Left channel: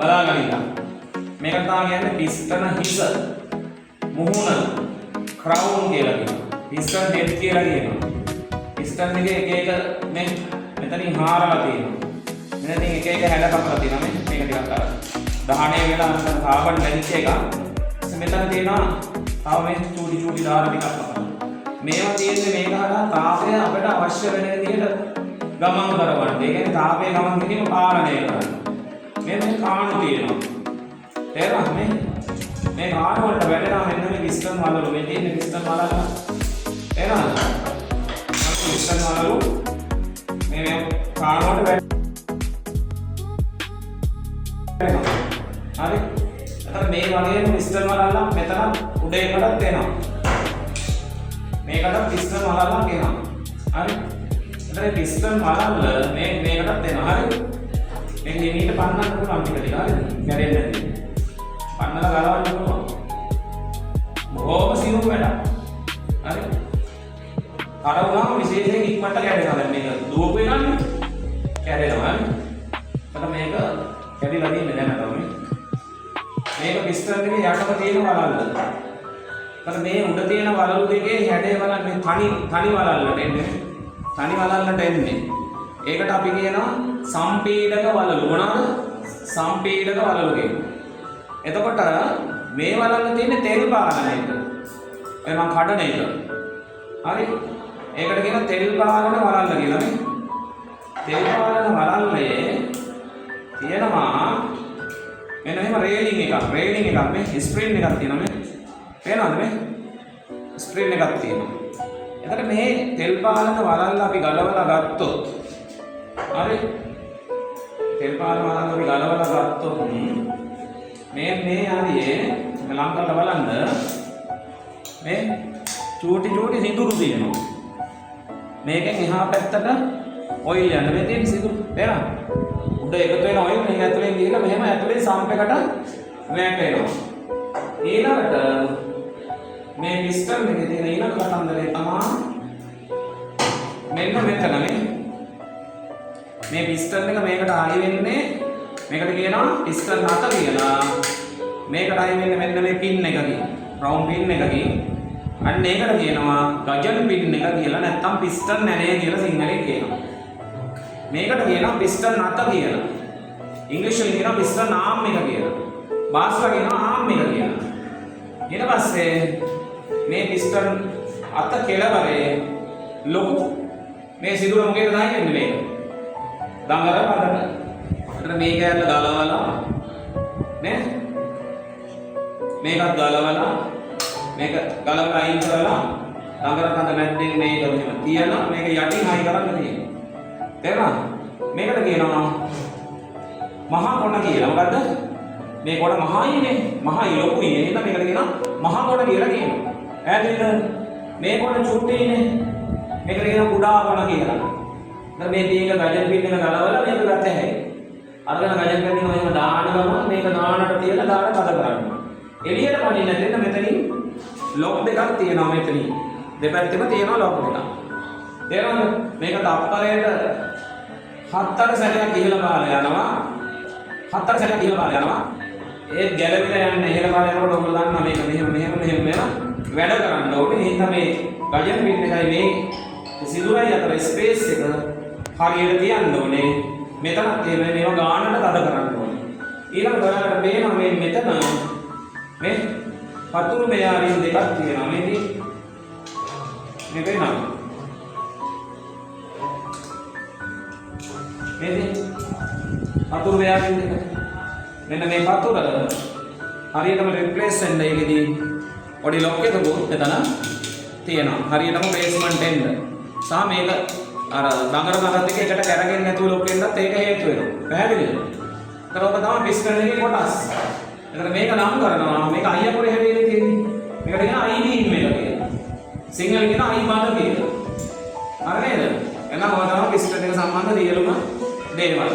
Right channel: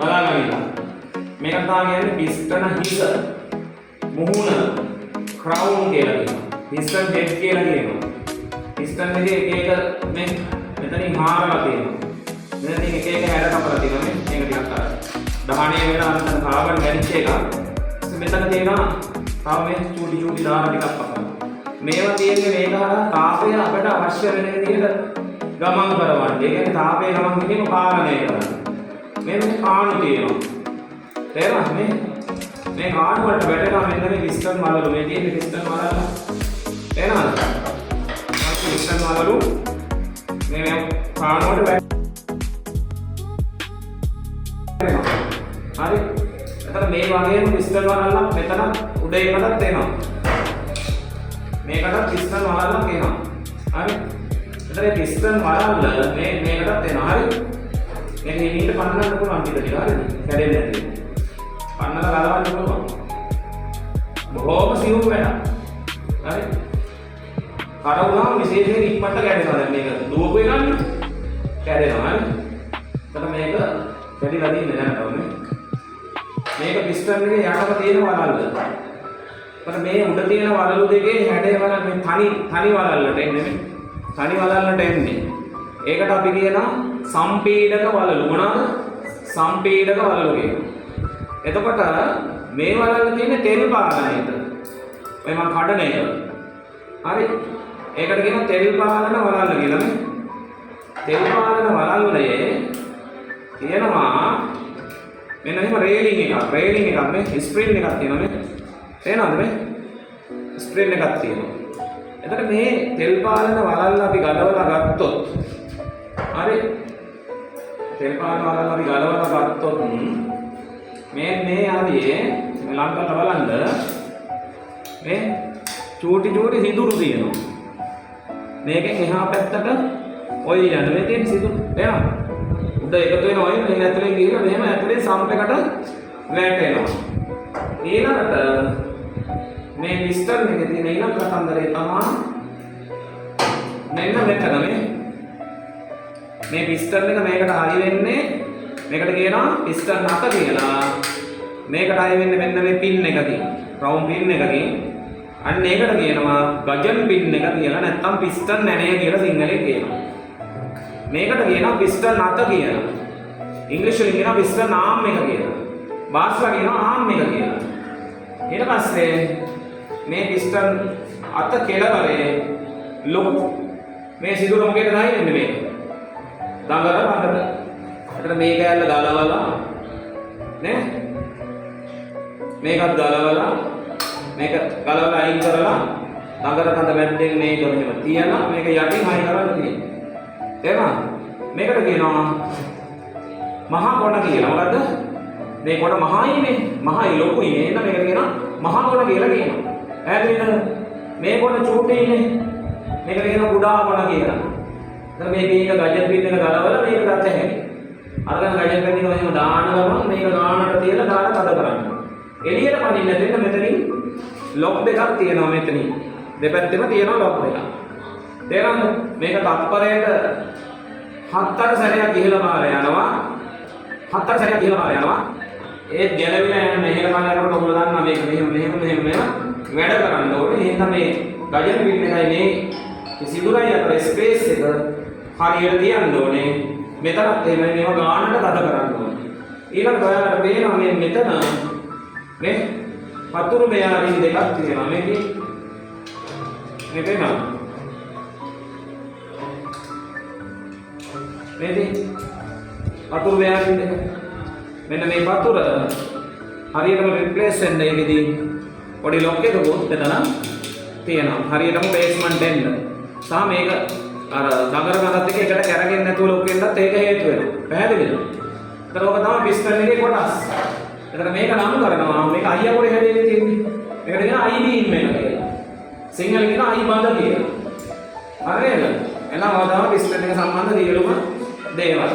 බලාගන්න. මේක තමයි කියන්නේ පිස්ටන හිස. මුහුණ ක්‍රවුන් කියලා කියනවා. පිස්ටන් හෙඩ් කියලා කියනවා. පිස්ටන් එකේ එක එක මේ මෙතනින් හාරලා තියෙනවා. මෙතනින් එක එක හැඩ කපලා තියෙනවා. මේක ටිකක් අර දහණේ වෙලා අර කාබන් දැනිච්ච එක. මෙතන තියෙනවා ආ මේ චූටි දාර ටිකක් අපිට. මේවා තියෙන්නේ මේක හරහා තාපය අපිට අවශ්‍ය වෙන විදිහට ගමන් කරවන්න. ඒ කියන්නේ තාපයේ ගමන් කිරීම පාලනය කරන්න. මෙන්න මේ පාණු තියෙනවා. තේරෙනවද මේ කාඩ් වලට වැටෙනවා මෙන්න මේ පිස්ටන් වලලු. මේ තියෙන පිස්ටන් වලල. තේරෙනවද? අපි පිස්ටන් වලලු මේ පාණු වලට වැටෙනවා. හරි. එතන මේ වගේම පිස්ටන් වලල්ල මෙතන උඩ එකකට තියෙනවා. මේකට පිස්ටන් වලල්ල තියෙනවා. හරි. එතන පිස්ටන් වලල්ල මේකටත් තියෙනවා. හරි. මේක නිමිට පන්නන්න පුළුවන් ටික ටික. හරිද? කැඩෙන්නේ නැති. පන්නලා ගලවන්න පුළුවන්. බොහොම සියුම් වැඩක්. හරි. අර උනාම විශේෂයෙන් ඉක්මනට කැඩෙනවා. දැන් මේක දුවපු එකනේ. කැඩෙනවා. හරි. එතන මේක කැඩිලා දින්නේ නැහැ නේද? මේක පිස්ටන් එකේ යටම තියෙන වලල්ල. එතන මේ උඩ තියෙන වලලු දෙකේ හැඩය බලන්න මේ තනි වලල්ලට එන්නේ. තනි වලල්ලට එන්නේ. ඒකට අපි කියනවා සම්පීඩක වලලු. මොනවාද? සම්පීඩක වලලු කියනවා. එතකොට මේ වලල්ල තියෙන්නේ තෙල් පාරණයට. ඔය මම කඩන එක. හරි. ඒකට කියනවා තෙල් පාරණ වලල්ල කියලා නේ. තෙල් පාරණ වලල්ලේ තියෙනවා මෙන්න මෙහෙම රේලින් එකක් මේ ස්ප්‍රින් එකක් තියෙනවා මේ. තේරෙනවද මේ? ස්ප්‍රින් එකක් තියෙනවා. එතකොට මේ තෙල් පාරණ වලල්ල අපි ගලවලා ගත්තොත් හරි. තෙල් පාරණ වලල්ල අපි ගලවලා ගත්තොත් මේ ආදියේ මේ ලං කරලා බලන්න මේ චූටි සිදුරු තියෙනවා. මේකෙන් එහා පැත්තට ඔය යන්නේ මේ තියෙන සිදුරු නේද? උඩ එකතු වෙන ඔය මේ ඇතුලේ ගිහලා මෙහෙම ඇතුලේ සම්ප් එකට වැටෙනවා. ඊළඟට මේ පිස්ටන් එකේ තියෙන ඊළඟ කතන්දරේ තමයි මෙන්න මෙතන මේ පිස්ටන් එක මේකට හරි වෙන්නේ මේකට කියනවා පිස්ටන් නත කියලා. මේකට හරි වෙන්නේ මෙන්න මේ පින් එකකින්. රවුන්ඩ් පින් එකකින්. අන්න ඒකට කියනවා ගජන් පින් එක කියලා. නැත්නම් පිස්ටන් නැනේ කියලා සිංහලෙන් කියනවා. මේකට කියනවා පිස්ටන් නත කියලා. ඉංග්‍රීසියෙන් කියනවා පිස්ටන් ආම් එක කියලා. භාෂාවෙන් කියනවා ආම් එක කියලා. ඊට පස්සේ මේ පිස්ටන් අත කෙළවරේ ලොකු මේ සිදුර මොකේද දාන්නේ මේක? දඟල පදට. ඒකට මේ කෑල්ල ගලවලා නේ? මේකත් ගලවලා මේක ගලවලා අයින් කරලා දඟල තඳ මැද්දෙන් මේක මෙහෙම තියලා මේක යටින් හයි කරන්න තියෙනවා. තේරුණාද? මේකට කියනවා මහා කොණ කියලා. මොකද්ද? මේ කොණ මහායිනේ. මහායි ලොකුයිනේ. එහෙනම් මේකට කියනවා මහා කොණ කියලා කියනවා. ඈදින්ද මේ කොණ චූටියිනේ. මේකට කියනවා කුඩා කොණ කියලා. දැන් මේ පින් එක ගජන් පින් එක ගලවලා මේක ගත්ත හැකි. අරගෙන ගජන් පින් එක මෙහෙම දානවා මේක නානට තියලා දාන තද කරන්න. එළියට පනින්න දෙන්න මෙතනින් ලොක් දෙකක් තියෙනවා මෙතනින්. දෙපැත්තෙම තියෙනවා ලොක් දෙකක්. තේරෙනවද? මේක තප්පරයට 7-8 සැරයක් ගිහලා පාර යනවා. 7-8 සැරයක් ගිහලා පාර යනවා. ඒත් ගැලවිලා යන්නේ එහෙල බලනකොට ඔයගොල්ලෝ දන්නවා මේක මෙහෙම වැඩ කරන්න ඕනේ. එහෙනම් මේ ගජන පින් එකයි මේ සිදුරයි අතර ස්පේස් එක හරියට තියන්න ඕනේ. මෙතනත් එහෙමයි මේවා ගානට තද කරන්න ඕනේ. ඊළඟ ඔයාලට පේනවා මේ මෙතන මේ පතුරු මෙයාරින් දෙකක් තියෙනවා. මේකේ මේ පේනවා. මේකේ පතුරු මෙයාරින් දෙක. මෙන්න මේ පතුර හරියටම රිප්ලේස් වෙන්න ඒකෙදී පොඩි ලොක් එකකුත් එතන තියෙනවා. හරියටම බේස්මන්ට් එන්න. සහ මේක අර දඟර ගන්නත් එක්ක එකට කැරගෙන්නේ නැතුව ලොක් වෙන්නත් ඒක හේතු වෙනවා. පැහැදිලිද? ඒක තමයි පිස්ටන් එකේ කොටස්. එතන මේක නම් කරනවා. මේක අයිය පොඩි හැදෙන්නේ තියෙන්නේ. මේකට කියන අයි බීම් එක කියලා. සිංහල කියන අයි බඳ කියලා. හරිද? එහෙනම් ඔය තමයි පිස්ටන් එක සම්බන්ධ සියලුම දේවල්.